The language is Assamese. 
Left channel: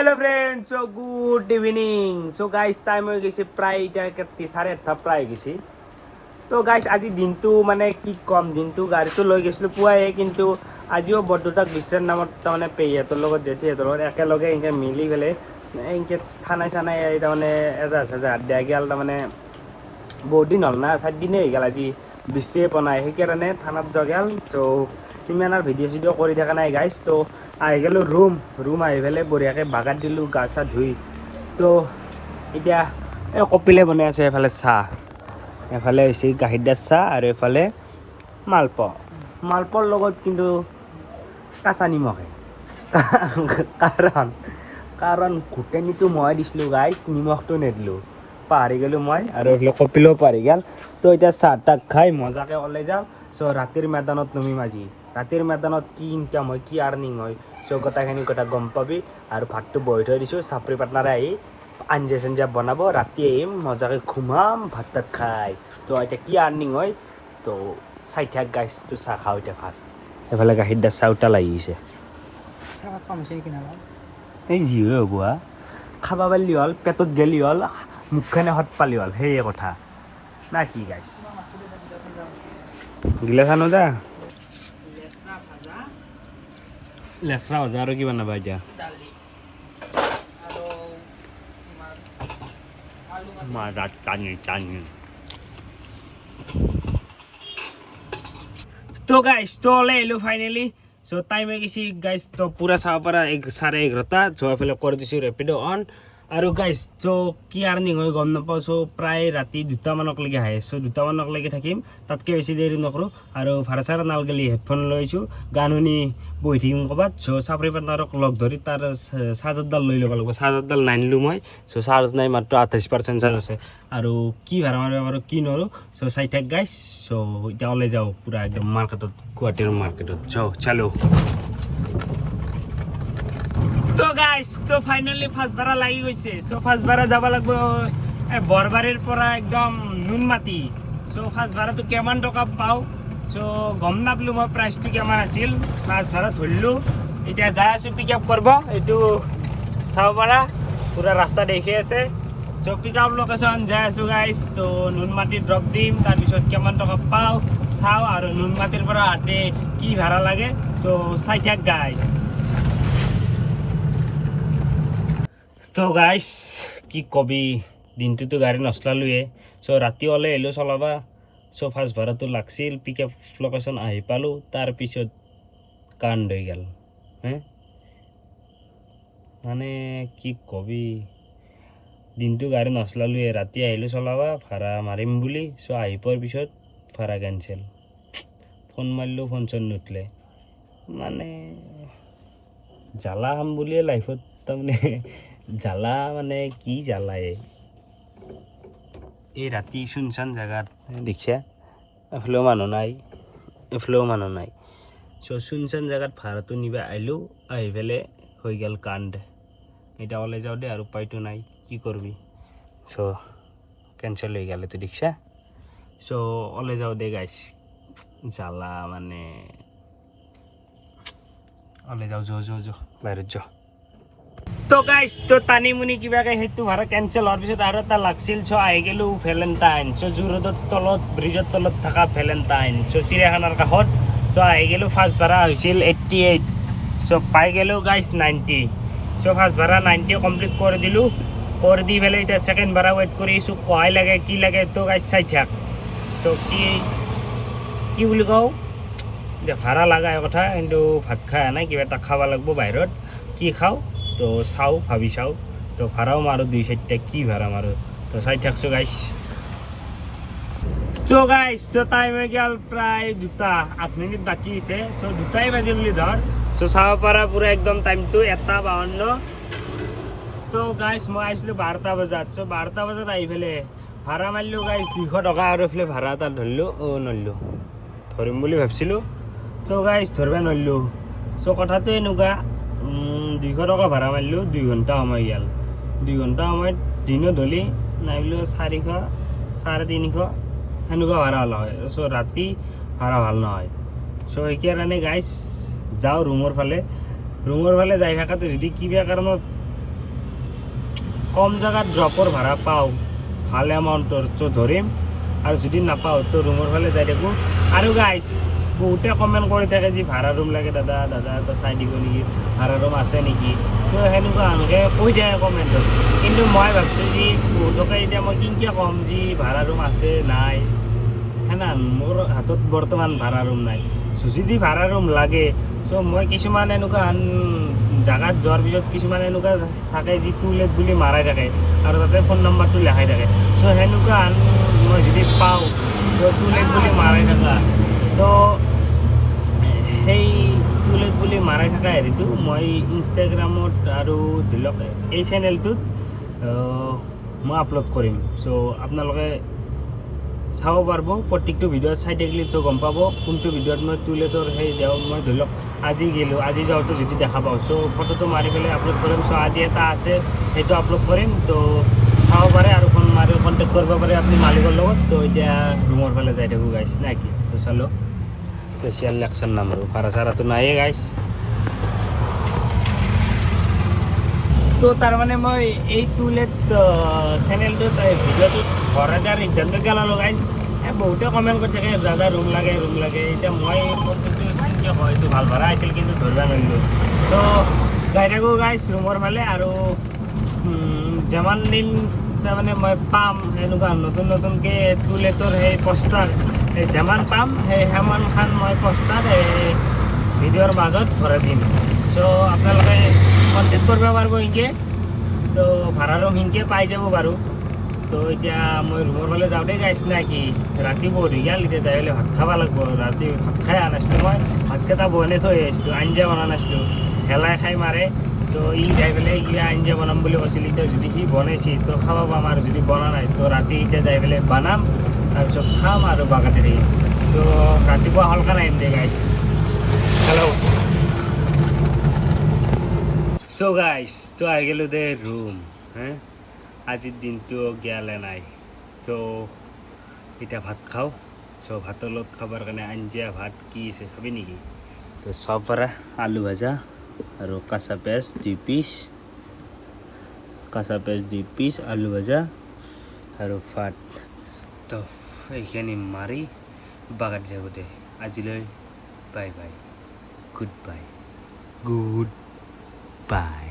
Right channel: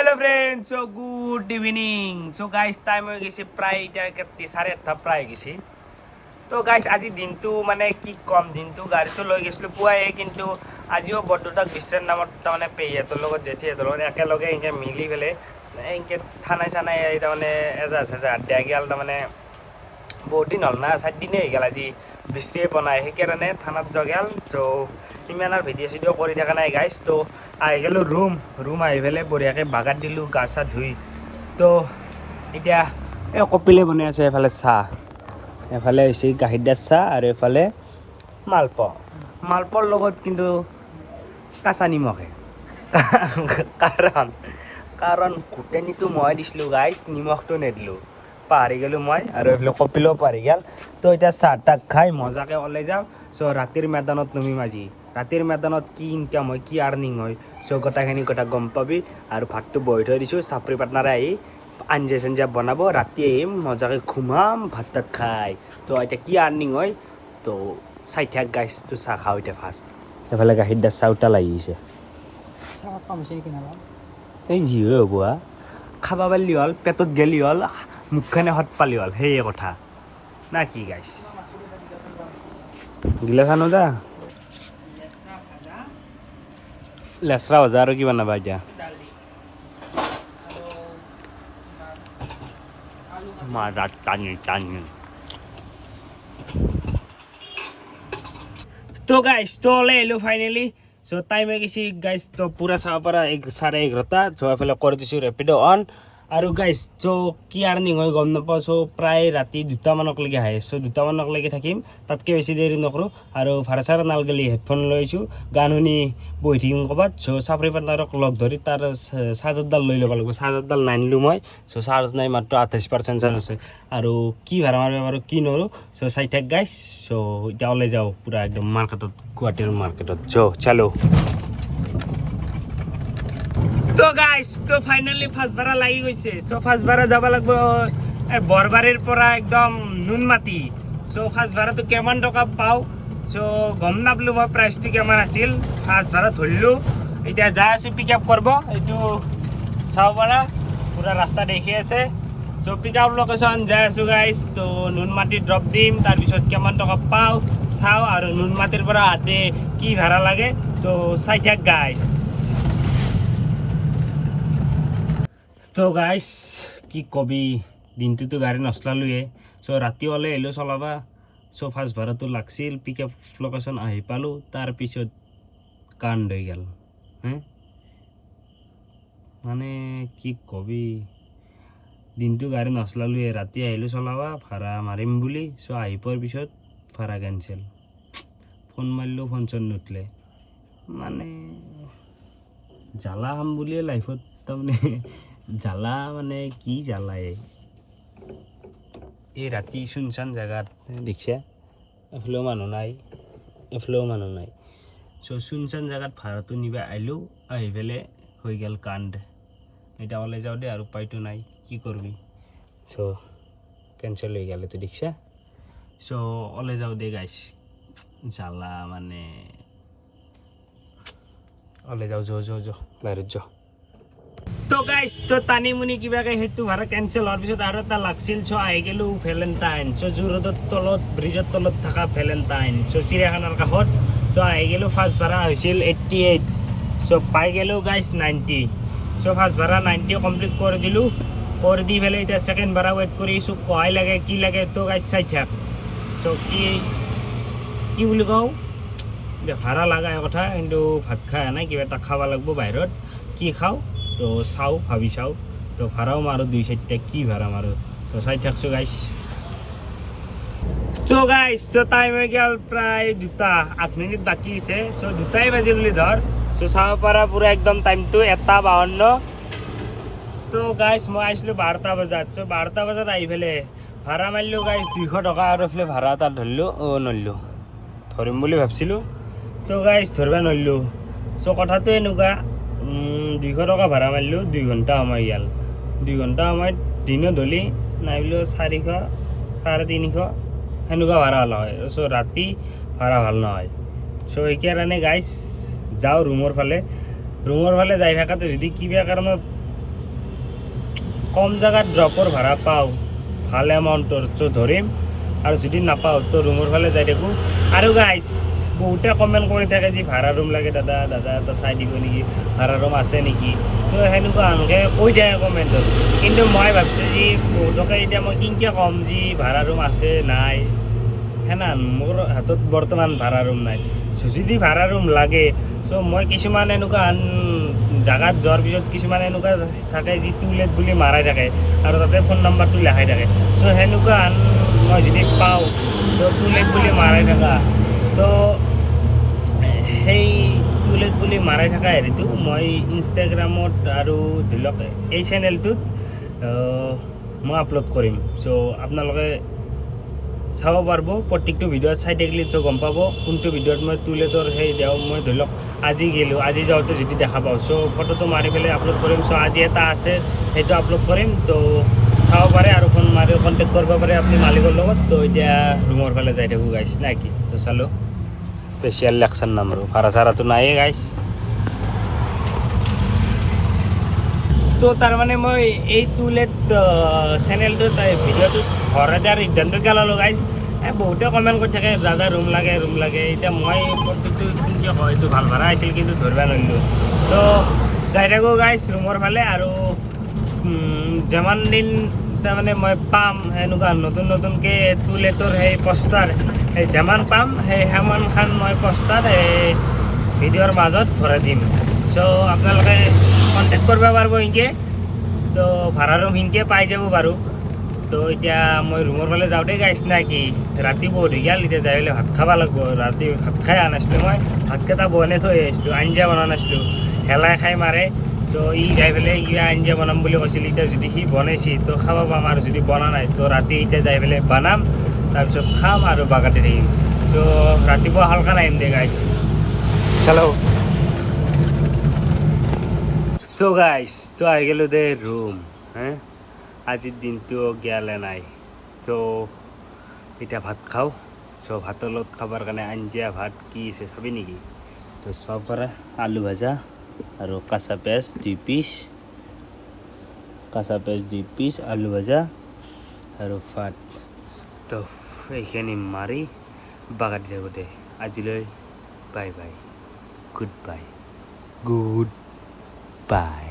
Hello friends, so good evening. So guys, time হৈ গৈছে প্ৰায় এতিয়া 8:30 প্ৰায় গৈছে। তো গাইস আজি দিনটো মানে কি কম, দিনটো গাড়ীটো লৈ গৈছিলো পুৱাই, কিন্তু আজিও বৰদুতাক বিশ্ৰাম নামত তাৰমানে পেহীহঁতৰ লগত জেঠীহঁতৰ লগত একেলগে এনেকৈ মিলি পেলাই এনেকৈ থানাই চানাই তাৰমানে এজাহাজ দিয়া গেল। তাৰমানে বহুত দিন হ'ল না, 4 দিনেই হৈ গ'ল আজি বিশ্ৰীয়ে বনাই, সেইকাৰণে থানাত যোৱা গেল। তো ইমান আৰু ভিডিঅ' চিডিঅ' কৰি থকা নাই গাইছ। তো আহি গ'লোঁ ৰুম আহি পেলাই বঢ়িয়াকৈ বাগাত দিলোঁ গা চা ধুই। তো এতিয়া এই কপিলে বনাই আছে, এফালে চাহ, এফালে হৈছে গাখীৰ দিয়া চাহ, আৰু এফালে মালপোৱাৰ লগত কিন্তু কাঁচা নিমখে কাৰণ ঘুটেনিটো মই দিছিলোঁ গাইছ, নিমখটো নিদিলোঁ, পাহৰি গ'লোঁ মই, আৰু এইফালে কপিলেও পাহৰি গ'ল। তো এতিয়া চাহ তাহ খাই মজাকৈ ওলাই যাওঁ। চ' ৰাতিৰ মেদানত নামিম আজি। ৰাতিৰ মেদানত কি ইনকাম হয়, কি আৰ্নিং হয়, চ' গোটেইখিনি কথা গম পাবি। আৰু ভাতটো বহি থৈ দিছোঁ, চাপৰি পাৰ্টনাৰে আহি আঞ্জা চাঞ্জা বনাব, ৰাতি আহিম মজাকৈ ঘুমাম ভাত তাত খাই। তো এতিয়া কি আৰ্নিং হয়, তো চাই থাক গাইছ। তো চাহ খাওঁ এতিয়া ফাৰ্ষ্ট। এইফালে গাখীৰ দিয়া চাহ উতাল লাগিছে, এই যি হৈ হ'ব খাবা পাৰিলি হ'ল, পেটত গেলি হ'ল, মুখখনে সৎ পালি হ'ল, সেয়ে কথা না কি গাইছ। গিলা খানো দা লেচৰা ভজা, আৰু কি বনাবা এতিয়া? মাৰাত টানি তো গাইছ, তো ওলাই আহিলোঁ ফাইনেলি। চ' টাইম হৈ গৈছে গাইছ, তো পূৰা চাব পৰা 11:30। চ' এইফালে কৰি দিছোঁ ৰেপিড' অন। আৰু গাইছ, চ' কি আৰ্নিং হয় গম নাপাওঁ। চ' প্ৰায় ৰাতি 2টামানলৈকে আহে। চ' 2টামানলৈকে থাকিম, তাতকৈ বেছি দেৰি নকৰোঁ। আৰু ভাড়া চাড়া নালগেলি হেডফোন লৈছোঁ, গান শুনি বহি থাকিম ক'ৰবাত। চ' চাপৰি পাৰ্টনাৰক লগ ধৰি তাৰ চাৰ্জাৰডাল লৈ ল'ব লাগিব, চাৰ্জাৰডাল নানিলোঁ মই। চ' চাৰ্জ নাই, মাত্ৰ 28% চাৰ্জ আছে। আৰু কি ভাড়া মাৰিব পাৰোঁ কি নোৱাৰোঁ, চ' চাই থাক গাইছ। চ' এতিয়া ওলাই যাওঁ পূৰা একদম মাৰ্কেটত, গুৱাহাটীৰ মাৰ্কেটত চালো। তো গাইছ, তো ফাইনেলি ফাৰ্ষ্ট ভাড়া লাগি গৈছে। চ' ফাৰ্ষ্ট ভাড়া যাব লাগিব বৰবাৰীৰ পৰা একদম নুনমাটি। চ' ফাৰ্ষ্ট ভাড়াটো কিমান টকা পাওঁ, চ' গম নাপালোঁ মই প্ৰাইচটো কিমান আছিল। ফাৰ্ষ্ট ভাড়া ধৰিলোঁ, এতিয়া যাই আছোঁ পিক আপ কৰিব। এইটো চাব পাৰা পূৰা ৰাস্তা দেখি আছে। চ' পিক আপ লোকেশ্যন যাই আছোঁ গাইছ। তো নুনমাটি ড্ৰপ দিম, তাৰপিছত কিমান টকা পাওঁ চাওঁ, আৰু নুনমাটিৰ পৰা আহোঁতে কি ভাড়া লাগে, তো চাই থাক গাইছ। তো গাইছ কি কবি, দিনটোতো গাড়ী নচলালোৱে। চ' ৰাতি ওলাই আহিলোঁ চলাবা। চ' ফাৰ্ষ্ট ভাড়াটো লাগছিল, পিক আপ লোকেশ্যন আহি পালোঁ, তাৰপিছত কাণ্ড হৈ গ'ল। মানে কি কবি, দিনটো গাড়ী নচলালোৱে, ৰাতি আহিলোঁ চলাবা ভাড়া মাৰিম বুলি। চ' আহি পোৱাৰ পিছত ভাড়া কেঞ্চেল। ফোন মাৰিলোঁ, ফোন চোন নুঠলে। মানে জ্বালা খাম বুলিয়ে লাইফত, তাৰমানে জ্বালা মানে কি জ্বালাই এই ৰাতি চুনচান জেগাত দেখিছা, এফালেও মানুহ নাই, এফালেও মানুহ নাই। চ' চুনচান জেগাত ভাড়াটো নিবা আহিলোঁ, আহি পেলাই হৈ গ'ল কাণ্ড। এতিয়া ওলাই যাওঁ দে, আৰু উপায়তো নাই, কি কৰিবি। চ' কেঞ্চেল হৈ গ'ল, এইটো দেখিছা। চ' ওলাই যাওঁ দে গাইছ, জ্বালা মানে ওলাই যাওঁ, যো বাহিৰত যাওঁ। তো গাইছ, তো টানি মুনি কিবাকৈ সেইটো ভাড়া কেঞ্চেল হোৱাৰ পিছত আৰু এটা লাগছিল। চ' আহি গ'লোঁ ভেলেণ্টাইন। চ' জু-ৰোডৰ তলত, ব্ৰিজৰ তলত থকা ভেলেণ্টাইন, চ' চিৰিয়াখানাৰ কাষত। চ' আহি গ'লোঁ, ফাৰ্ষ্ট ভাড়া হৈছিল 88। চ' পাই গ'লোঁ গাইছ 90। চ' ফাৰ্ষ্ট ভাড়া 90 কমপ্লিট কৰি দিলোঁ, কৰি দি পেলাই এতিয়া ছেকেণ্ড ভাড়া ৱেইট কৰি আছোঁ, কহাই লাগে কি লাগে। তো গাইছ চাই থাক। চ' কি বুলি কওঁ, এতিয়া ভাড়া লগা কথা, কিন্তু ভাত খাই নাই, কিবা এটা খাব লাগিব বাহিৰত। কি খাওঁ তো চাওঁ, ভাবি চাওঁ। তো ভাড়াও মাৰোঁ 2-4টা, কি ভাড়া মাৰোঁ, তো চাই থাকছোঁ গাইছ। তো গাইছ, তো টাইম হৈ গ'ল প্ৰায় 2:08 বাকী আছে। চ' 2টাই বাজিল বুলি ধৰ। চ' চাব পাৰা পূৰা একদম টাইমটো 1:52। তো গাইছ মই আহিছিলোঁ 12টা বজাত। চ' 12টা বজাত আহি পেলাই ভাড়া মাৰিলোঁ গাইছ 200 টকা, আৰু এইফালে ভাড়া এটা ধৰিলোঁ, নৰিলোঁ, ধৰিম বুলি ভাবিছিলোঁ। তো গাইছ ধৰিব নোৱাৰিলোঁ। চ' কথাটো এনেকুৱা, 200 টকা ভাড়া মাৰিলোঁ, 2 ঘণ্টা সময় গ'ল। 2 ঘণ্টা সময়ত দিনত হ'লে নাই বুলিও 400, 350 সেনেকুৱা ভাড়া হ'ল হয়। চ' ৰাতি ভাড়া ভাল নহয়। চ' সেইকাৰণে গাইছ যাওঁ ৰুমৰ ফালে যাই থকাতে যদি কিবা কাৰণত কম জায়গাত ড্ৰপৰ ভাড়া পাওঁ ভাল এমাউণ্টৰ চ' ধৰিম আৰু যদি নাপাওঁ তো ৰুমৰ ফালে যাই থাকোঁ আৰু গাইছ বহুতে কমেণ্ট কৰি থাকে যে ভাড়া ৰুম লাগে দাদা দাদা তো চাই দিব নেকি ভাড়া ৰুম আছে নেকি তো সেনেকুৱা এনেকৈ কৈ থাকে কমেণ্টত কিন্তু মই ভাবিছোঁ যে বহুতকে এতিয়া মই কিনকৈ ক'ম যে ভাড়া ৰুম আছে নাই সেনা মোৰ হাতত বৰ্তমান ভাড়া ৰুম নাই চ' যদি ভাড়া ৰুম লাগে চ' মই কিছুমান এনেকুৱা জাগাত যোৱাৰ পিছত কিছুমান এনেকুৱা থাকে যি টু লেট বুলি মাৰাই থাকে আৰু তাতে ফোন নাম্বাৰটো লেখাই থাকে চ' সেনেকুৱা মই যদি পাওঁ চ' টু লেট বুলি মাৰাই থকা তো সেই টু লেট বুলি মাৰাই থকা হেৰিটো মই ইনষ্টাগ্ৰামত আৰু ধৰি লওক এই চেনেলটোত মই আপলোড কৰিম চ' আপোনালোকে চাব পাৰিব প্ৰত্যেকটো ভিডিঅ'ত চাই থাকিলে চ' গম পাব কোনটো ভিডিঅ'ত মই টু লেটৰ সেই দেওঁ মই ধৰি লওক আজি গ'লোঁ আজি যাওঁতে যদি দেখা পাওঁ চ' ফটোটো মাৰি পেলাই আপলোড কৰিম চ' আজি এটা আছে সেইটো আপলোড কৰিম তো চাব পাৰে আৰু ফোন মাৰি কণ্টেক্ট কৰিব পাৰে আপুনি মালিকৰ লগত তো এতিয়া ৰুমৰ ফালে যাই থাকোঁ গাইছ নাই কি তো চালোঁ স্পেচিয়েল লেকচাৰ নামৰো ভাড়া চাড়াটো নায়ে গাইছ তো তাৰমানে মই এই টু লেট চেনেলটোত ভিডিঅ'টোত ঘৰতে সিদ্ধান্ত গেলালোঁ গাইছ বহুতে কমেণ্ট কৰি থাকে দাদা ৰুম লাগে এতিয়া মই প্ৰত্যেকটো কিয় হয় এইটো ভাল ভাড়া আহিছিল কিন্তু ধৰিব নোৱাৰিলোঁ তো যাই থাকোঁ গাইছ ৰুমৰ ফালে আৰু যিমান দিন তাৰমানে মই পাম এনেকুৱা নতুনকৈ টু লেটৰ সেই পষ্টাৰ সেই যিমান পাম সেই সিমানখন মই পষ্টাৰ এই ভিডিঅ'ৰ মাজত ভৰাই দিম চ' আপোনালোকে কণ্টেক্ট কৰিব পাৰিব সেনেকৈ তো ভাড়া ৰুম সেনেকৈ পাই যাব বাৰু তো এতিয়া মই ৰুমৰ ফালে যাওঁতে গাইছ নাই কি ৰাতি বহুত হৈ গ'ল এতিয়া যাই পেলাই ভাত খাব লাগিব ৰাতি ভাত খাই অহা নাছিলোঁ মই ভাতকেইটা বনাই থৈ আহিছিলোঁ আঞ্জা বনোৱা নাছিলোঁ হেলাই খাই মাৰে চ' ই যাই পেলাই কিবা আঞ্জা বনাম বুলি কৈছিল এতিয়া যদি সি বনাইছে তো খাব পাম আৰু যদি বনা নাই তো ৰাতি এতিয়া যাই পেলাই বনাম তাৰপিছত খাম আৰু বাগাতে থাকিম চ' ৰাতিপুৱা হালকা নাহিম দে গাইছ চলো তো গাইছ তো আহি গ'লোঁ দে ৰুম আজিৰ দিনটো গেলে নাই তো এতিয়া ভাত খাওঁ চ' ভাতৰ লগত খাবৰ কাৰণে আঞ্জা ভাত কি আছে চাবি নেকি তো চব পৰা আলু ভাজা আৰু কাঁচা পিঁয়াজ 2 পিচ আলু ভাজা আৰু ভাত তো এইখিনি মাৰি বাগাতি থাকোঁতে আজিলৈ বাই বাই গুড বাই